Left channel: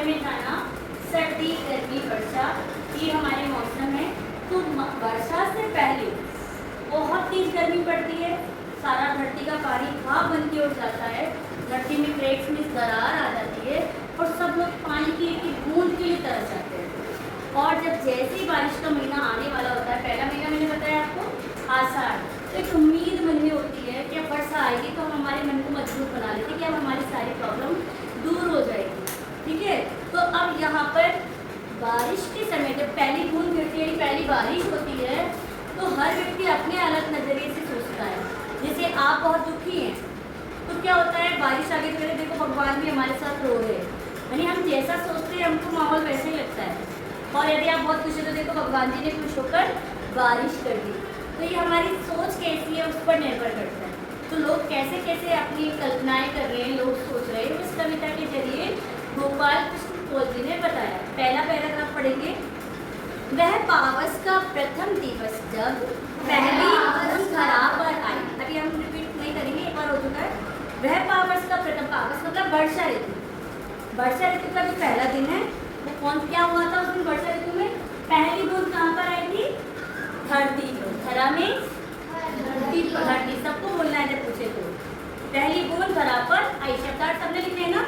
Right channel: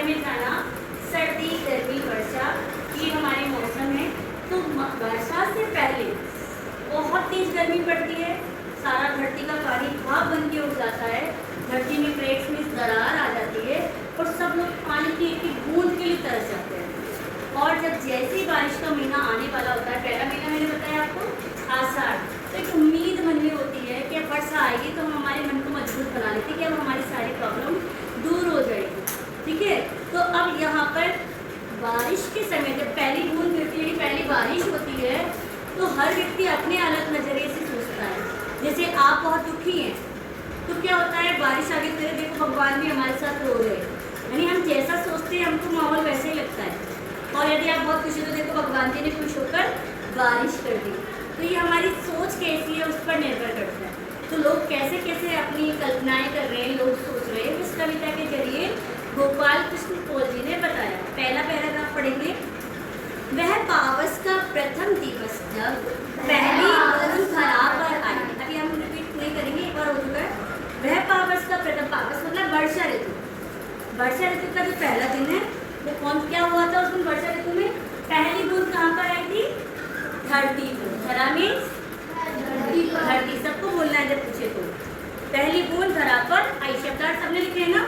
बारे में जाना, सर्दी गर्मी वर्षा, ये हमारे मौसम है। तो वर्षा से पहले बहुत तेज गर्मी पड़ती है, सारा धरती का पानी भाप बन के उठ जाता है, धरती में प्लेट्स में दरार आ जाती है और सब लोग पानी की एक बूंद के लिए तरस जाते हैं। और जब जैसे बारिश का महीना आने वाला होता है, पहला महीना मैंने बताया आपको आषाढ़, तो एक उम्मीद मन में होती है कि अब वर्षा आएगी तो हम हमारे मन को मजबूत बना लेते हैं कि अब हमारी सारी प्रॉब्लम दूर हो जाएगी। ठीक है, तो अब यहाँ पर बारिश के समय जब पहली बूंद गिरती है, पहली बारिश होती है, तो हर व्यक्ति अपने अलग नज़रिए से सोचता है। जैसे आप बहुत दुखी हैं तो क्या होता है, बारिश आगे फिर देखो भगवान भी हमारे साथ रो रहे हैं, यानी हम जैसा सोचते हैं हमको माहौल वैसे ही लगता है। और यदि आप बहुत खुश हो तो देखो भगवान जी ने खुश होकर बारिश कर दी। तो ये हमारी सोच कैसी है उस पर निर्भर करता है। तो लोग कैसे कैसे अपनी कल्पनाएं कर रहे हैं, लोग सोच रहे हैं, इस कविता के जरिए गोपाल कृष्ण पोल जी ने बताया। पहला पैराग्राफ पढ़ेंगे। वह पावस का प्रथम दिवस जब पहली बूंद धरा पर आई। अभी हम रिपीट नहीं करेंगे, एक बार हो चुका है। वह पावस का प्रथम, पावस मतलब वर्षा ऋतु, वर्षा ऋतु का जो पहला दिन है वो कौन क्या हुआ था उस दिन वर्षा ऋतु में? पहली बूंद कहाँ पर आई थी? धरती पर। धरा में धरती पर, धरती सबको बोलना है जब पूछे तो। पहली बूंद धरा पर आई, शब्दार्थ सबने लिखे है ना?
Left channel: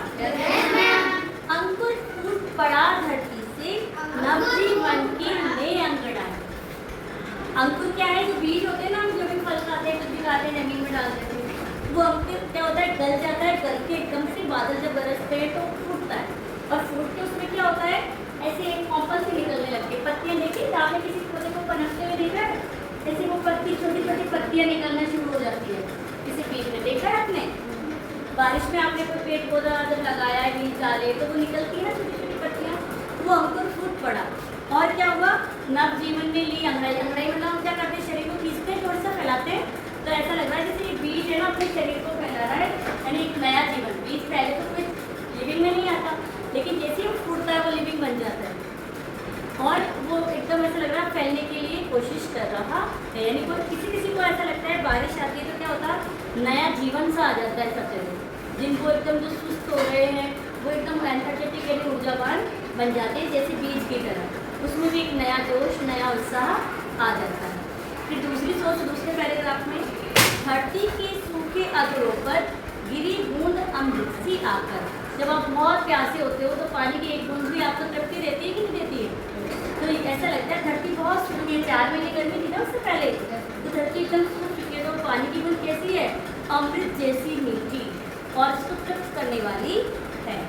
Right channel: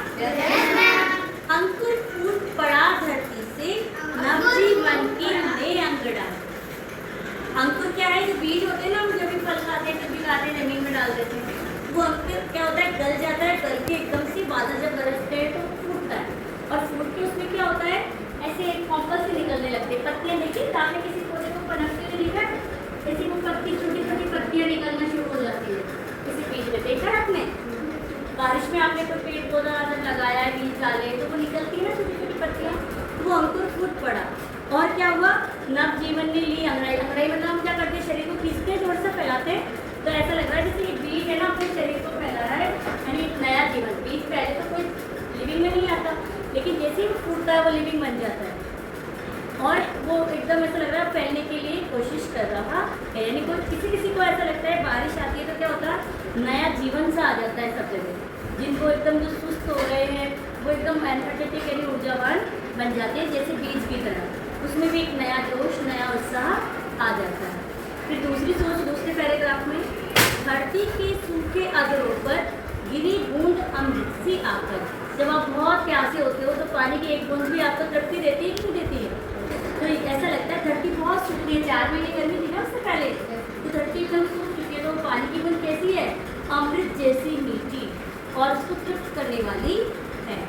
अंकुर फूट पड़ा धरती से, नवजीवन के नए अंकुर डाले। अंकुर क्या है? जो बीज होते हैं ना, हम जब भी फल खाते हैं, कुछ भी खाते हैं, जमीन में डाल देते हैं, वो अंकुर क्या होता है? गल जाता है, गल के एकदम से बादल जब बरसते हैं तो फूटता है, और फूट के उसमें क्या होता है? ऐसे एक कॉम्पस भी निकलने लगती है, पत्तियां। देखिए आपने किसी पौधे को पनपते हुए देखा है? ऐसी वो पत्ती, छोटी छोटी पत्तियां निकलना शुरू हो जाती है किसी बीज में, देखा है आपने? बारिश में आपने कोई पेड़ पौधा जब लगाया है, बीज डाले, तो वो निकलती है ना छोटी छोटी पत्तियां, वो अंकुर फूट पड़ा। और क्या हुआ? नव जीवन ने ली अंगड़ाई। अंगड़ाई मतलब हम क्या करते हैं? शरीर को खींचते हैं, थोड़ा सा फैलाते हैं, तो ऐसा लग रहा है जैसे एक बीज है ना अपने शरीर को फैला रहा है, यानी एक नया जीवन। बीज पहले तो कोई लिविंग में नहीं आता, लेकिन जैसे ही वो फूटता है वो लिविंग बन जाता है, और वो एकदम ऐसा लग रहा है फैलने के लिए कोशिश कर रहा है। यानी कोई किसी को ऐसा लगता है बारिश आती है तो क्या होता है? नया जीवन सा आ जाता है सबसे लोग, जिनको एकदम जो सुस्त हो गए हैं वो एकदम एनर्जेटिक यानी ऊर्जावान बन जाते हैं, जैसे बीज की तरह। उसमें भी एक नया जोश, नया उत्साह आ जाता है। फिर दूसरी सोच, दूसरे पैराग्राफ में, धरती के सूखे अधरों पर गिरी बूंद अमृत सी आकर। जब आप बहुत प्यासे होते हो तो पानी की एक बूंद भी आपको तड़पती रहती है कि नहीं देती है? तो ऐसा लगता है धरती बहुत सूखी है। 4 महीने गर्मी थी ना उससे पहले, तो धरती एकदम सूख चुकी है, तो पानी की बूंद कैसी है? अमृत जैसी मीठी और उसको तृप्त करने वाली है।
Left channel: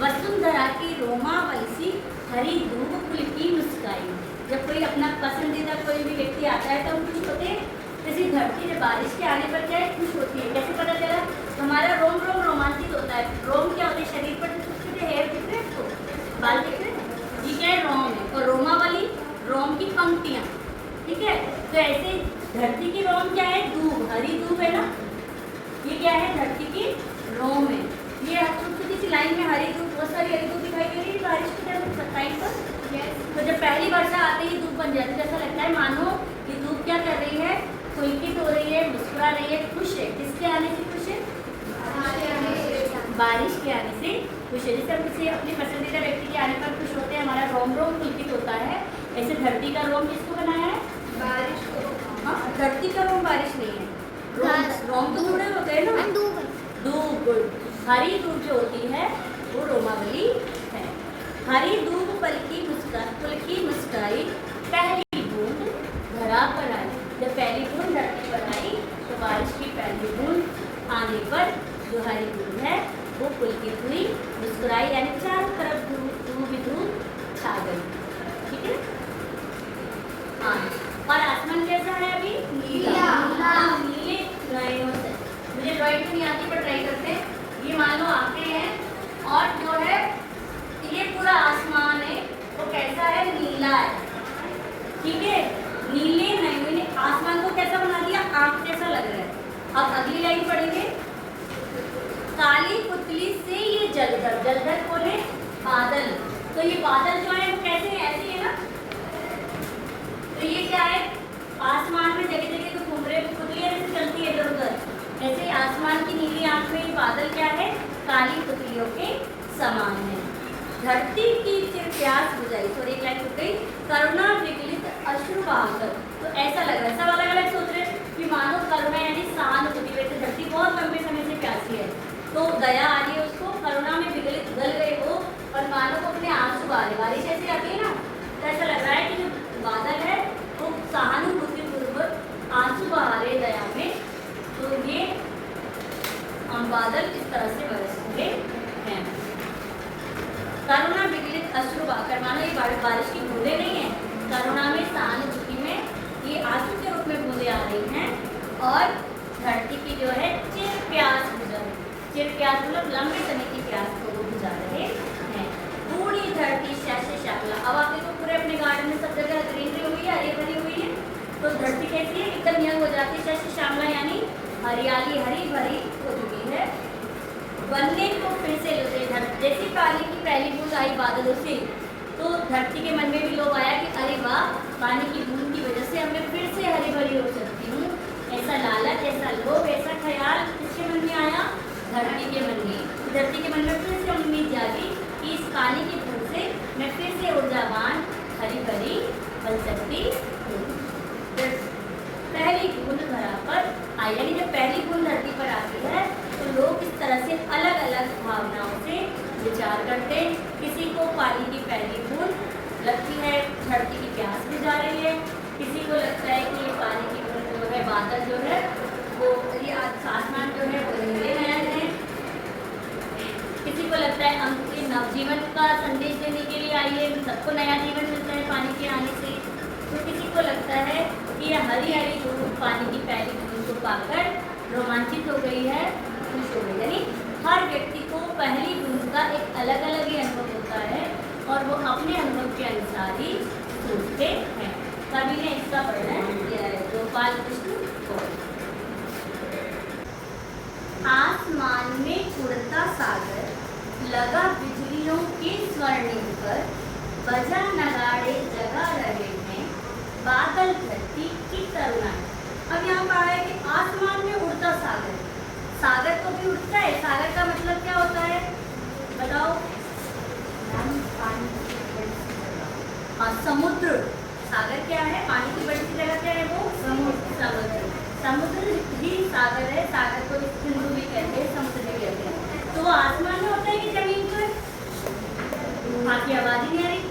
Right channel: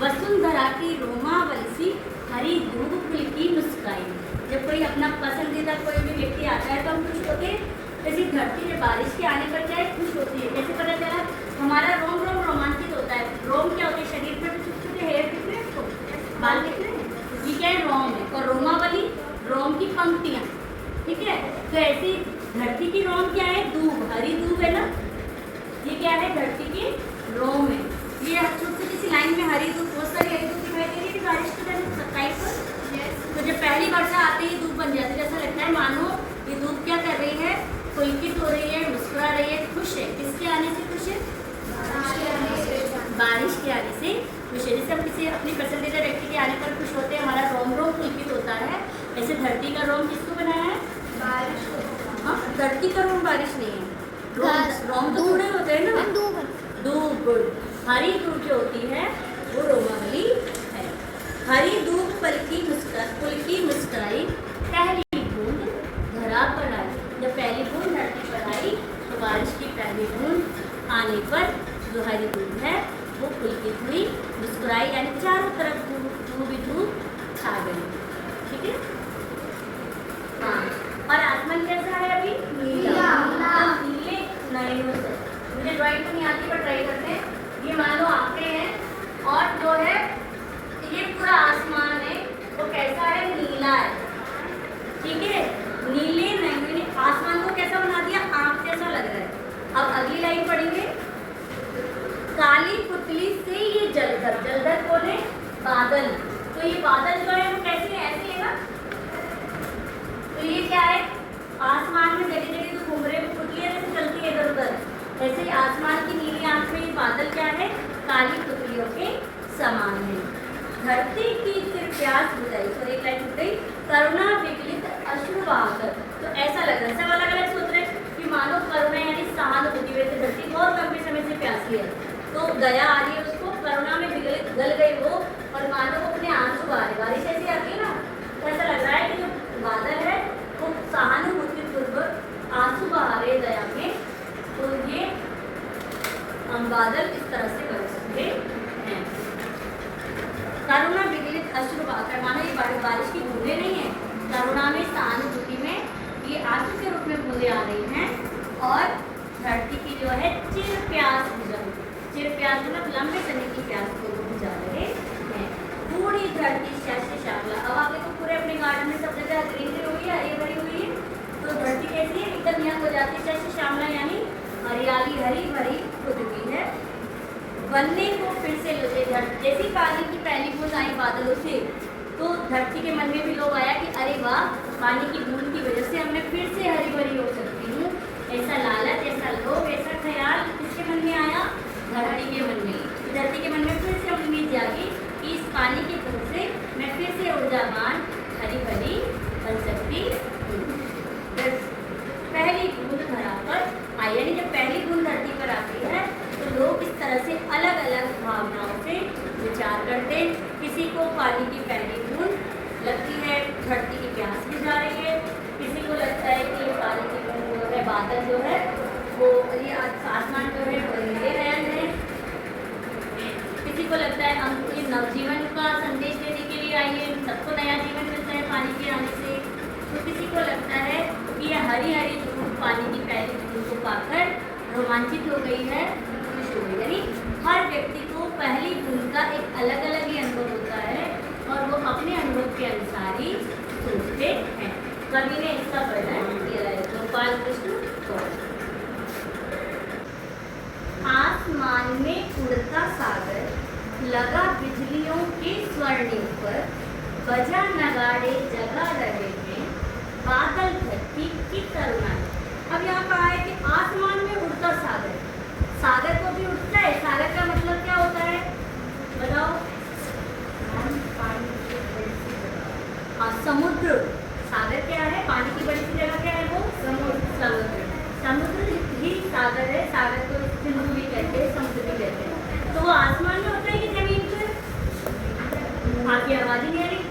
वसुंधरा की रोमावली सी हरी धूप कुल की मुस्काई। जब कोई अपना पसंदीदा कोई भी व्यक्ति आता है तो हम खुश होते हैं, जैसे धरती में बारिश के आने पर क्या है? खुश होती है। कैसे पता चला? हमारा रोम रोम रोमांचित होता है। रोम क्या होते हैं? शरीर पर जो छोटे छोटे हेयर दिख रहे हैं आपको, बाल दिख रहे हैं, ये क्या है? रोम है। और रोमावली, रोम की पंक्तियाँ, ठीक है? तो ऐसे धरती की रोम क्या है? दूब, हरी दूब है ना, ये क्या है? धरती की रोम है। ये छोटी सी लाइन में हरी दूब, बहुत सारी हरी दूब दिखाई दे रही है बारिश के टाइम सत्ताई पर। तो जब पहली वर्षा आते ही धूप बन जाती है, जैसा लगता है मानो ये धूप क्या कर रही है? पुलकित हो रही है, मुस्कुरा रही है, खुश है। किसके आने से खुश है? बारिश के आने से खुश है। जैसे हम किसी अपने पसंदीदा व्यक्ति के आने पर खुश होते हैं, हमारा रोम रोम पुलकित होता है, ऐसे धरती का रोम किसको बनाया है? बारिश को। हाँ, धरती का रोम बारिश नहीं है, रोम तो थोड़े होते हैं ना, दूब। हरी दूब जो होती है वो रोमावली है। हरी दूब पुल की मुस्काई, पहली बूंद धरा पर आई। जब पहली बूंद धरती पर आई तो बारिश की पहली बूंद आने पर जो हरी दूब है वो पुलकित हुई, मुस्कुराई, यानी चारों तरफ धूप ही धूप छा गई। ठीक है? हाँ, और आसमान कैसा है अभी? नीला। नीले नयनों से, मुझे ड्राइंग तो नहीं आती पर ट्राई करते हैं। ये मान लो आते हैं और जो है ये पूरा आसमान है वो कैसा है? नीला है। ठीक है? नीले नयनों ने आसमान को कैसा बना दिया? आँख जैसा लग रहा है। अब अगली लाइन पढ़ेंगे। काली पुतली से ये जलधर, जलधर कौन है? बादल। तो ये बादल जो है वो कैसे है? ऐसे है ना, तो ये क्या है? आसमान में जगह जगह जो घूम रहे पुतलियां जैसे चलती है इधर उधर, ऐसे आसमान की नीली आंख में ये बादल क्या है? काली पुतलियों के समान है। धरती की फिर प्यास बुझाई, सॉरी एक लाइन छूट गई, करुणा विकलित अश्रु बहाकर। तो ऐसा लग रहा है, सब अलग अलग सोच रहे हैं कि मानो करुणा यानी सहानुभूति, वैसे धरती बहुत लंबे समय से प्यासी है, तो दया आ रही है उसको, करुणा में विकलित गल गई वो, और मानो को अपने आंसू बहा रहे। बारिश ऐसी आती है ना, तो ऐसा लग रहा है कि जो बादल है वो सहानुभूति पूर्वक आंसू बहा रहे दया में। तो ये हम बादल इस तरह से बरस रहे हैं। करुणा विकलित अश्रु बहाकर, मानो ये बारिश की बूंदे नहीं है, करुणा में सहानुभूति में ये आंसू के रूप में बूंदे आ रही हैं, और धरती की जो है चिर प्यास बुझा, चिर प्यास मतलब लंबे समय की प्यास को वो बुझा रहे हैं। पूरी धरती शस्य श्यामला, अब आप देखो पूरे अपने गार्डन में सब जगह ग्रीनरी हुई है, हरी भरी हुई है, तो धरती कैसी है, एकदम यंग हो जाती है, शस्य श्यामला यानी हरियाली हरी भरी हो चुकी है। बनने को फिर से लुटे, जैसी पानी की पहली बूंद आई बादलों से, तो धरती के मन में भी लोग आया कि अरे वाह, पानी की बूंद की वजह से मैं फिर से हरी भरी हो सकती हूँ। ऐसा लालच, ऐसा लोभ, ऐसा ख्याल किसके मन में आया, धरती के मन में। धरती के मन में फिर से उम्मीद जागी कि इस पानी की बूंद से मैं फिर से ऊर्जावान हरी भरी बन सकती हूँ। पहली बूंद धरा पर आई, यानी जब पहली बूंद धरती पर आती है तो लोग इस तरह से अलग अलग भावनाओं से विचार करते। किसी को पानी की पहली बूंद लगती है धरती की प्यास बुझा रही है, किसी को लगता है कि ये पानी की बूंद जो है, बादल जो है वो, ये आसमान जो है वो नीले नयन है, किसी को लगता है हम ये नवजीवन का संदेश देने के लिए आई है, सबको नया जीवन मिलता है पानी के आने से, तो किसी को लगता है कि यह हरी हरी बूंद पानी की पहली बूंद को पाकर रोमांचित हो गई है, खुश हो गई। यानी हर व्यक्ति को पहली बूंद का एक अलग अलग ही अनुभव होता है, और वो अपने अनुभव के अनुसार ही सोचते हैं। कवि ने इसका वर्णन किया है, गोपाल कृष्ण। आसमान में उड़ता सागर, लगा बिजलियों के स्वर्णिम पर, बजा नगाड़े जगा रहे हैं, बादल धरती की तरुणाई। अब यहाँ कहा है कि आसमान में उड़ता सागर, सागर को भी उठता है, सागर का मतलब क्या होता है बताओ? हाँ, समुद्र। सागर क्या है? पानी की बड़ी सी जगह क्या है वो? समुद्र। समुद्र ही सागर है, सागर को सिंधु भी कहते हैं, समुद्र भी कहते हैं। तो वो आसमान में होता है कि जमीन पर? हाँ की आवाज ही नहीं आ रही।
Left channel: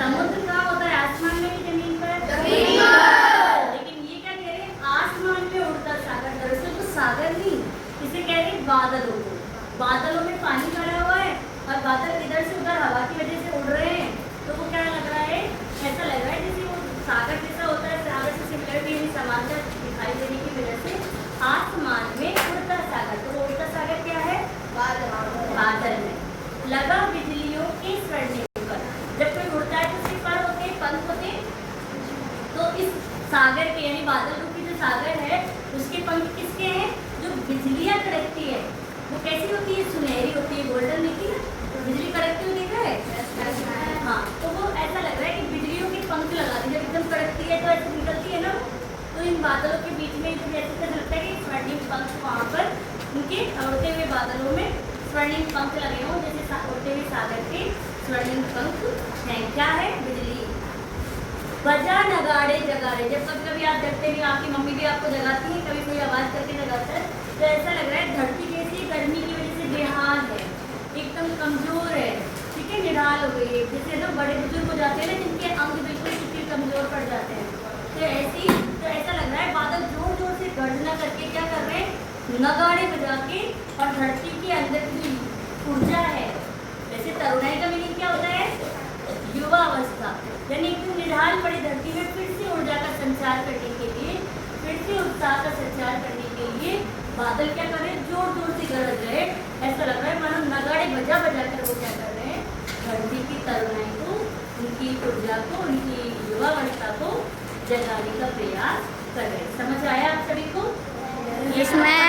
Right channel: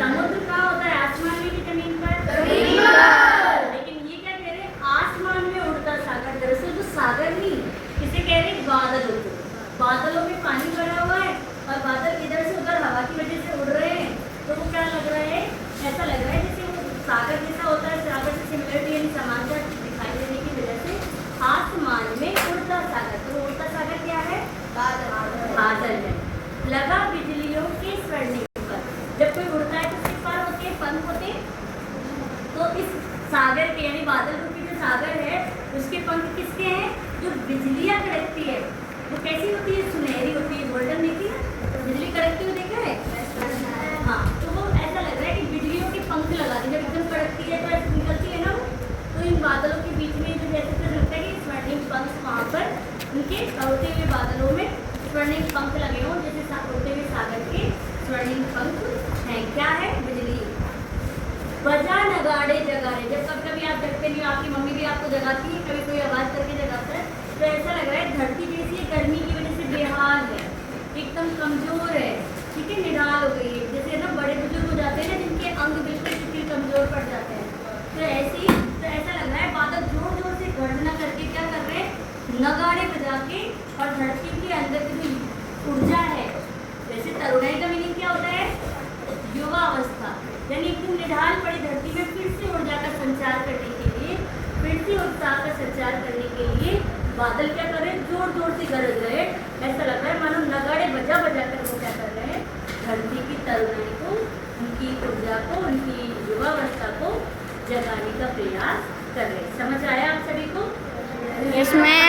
समुद्र कहाँ होता है, आसमान में कि जमीन पर? जमीन पर। लेकिन ये क्या कह रहे हैं, आसमान में उड़ता सागर। दरअसल तो सागर नहीं, इसे कह रहे हैं बादलों को। बादलों में पानी भरा हुआ है और बादल इधर से उधर हवा की वजह से उड़ रहे हैं, तो वो क्या लग रहा है, ऐसा लग रहा है जैसे वो सागर जैसा होता है, सागर से सिमिलरिटी यानी समानता दिखाई देने की वजह से आसमान में उड़ता सागर। तो वो उड़ता सागर क्या है? बादल है। लगा बिजलियों के स्वर्णिम पर, जब कोई उड़ता है तो उसके पर होते हैं, पंख होते हैं, तो इस सागर पे यानी बादल रूपी जो सागर है उसके पंख किसके हैं? जो बिजलियाँ कड़कती है वो कैसी होती है? सुनहरी होती है, गोल्डन देखी है, तो बिजली कड़कती हुई देखा है? हाँ, तो वो ऐसा लग रहा है कि बिजलियों के पंख लगा दी, जब एकदम कड़कती है तो ऐसे निकलती है ना, तो इन बादलों के बीच में इसे ऐसे लगता है कि स्वर्णिम पंख वहाँ पर उनके उड़ते हुए बादलों में स्वर्णिम पंख लगे हों, जैसे उड़ते हुए सागर के स्वर्णिम पंख हैं। क्या है? बिजली। बजा नगाड़े जगाड़े, जब कभी आप जगते भी, आपकी मम्मी भी आपको जगाती है, कभी कोई आवाज़ करके जगाता है, तो ऐसा लग रहा है धरती कैसी गर्मी की वजह से बेहाल है, एकदम कमजोर है, ठीक है, निढाल हो गई है। जैसे ना बड़े बुजुर्ग हो जाते हैं ना, जिनके अंग बिल्कुल शिथिल कमजोर पड़ जाते हैं, तो ऐसा लग रहा है बादल जोर जोर से गर्जना करके क्या कर रहे हैं, नगाड़े बजा के, और धरती के अंदर की जो ऊर्जा है, वैसे तरुणाई का मीनिंग क्या होता है? युवा अवस्था, यानी एकदम निढाल पड़ी धरती में फिर से ऊर्जा का संचार करने के लिए, फिर से उत्साह का संचार करने के लिए बादल क्या कर रहे हैं? जोर जोर से गरज रहे। ऐसा लग रहा है मानो नगाड़े बजा बजा कर वो क्या कर रहे हैं? धरती की तरुणाई को, उनकी ऊर्जा को, उनकी युवावस्था को जगाने का प्रयास कर रहे हैं। समझ आया आप सभी को? इसमें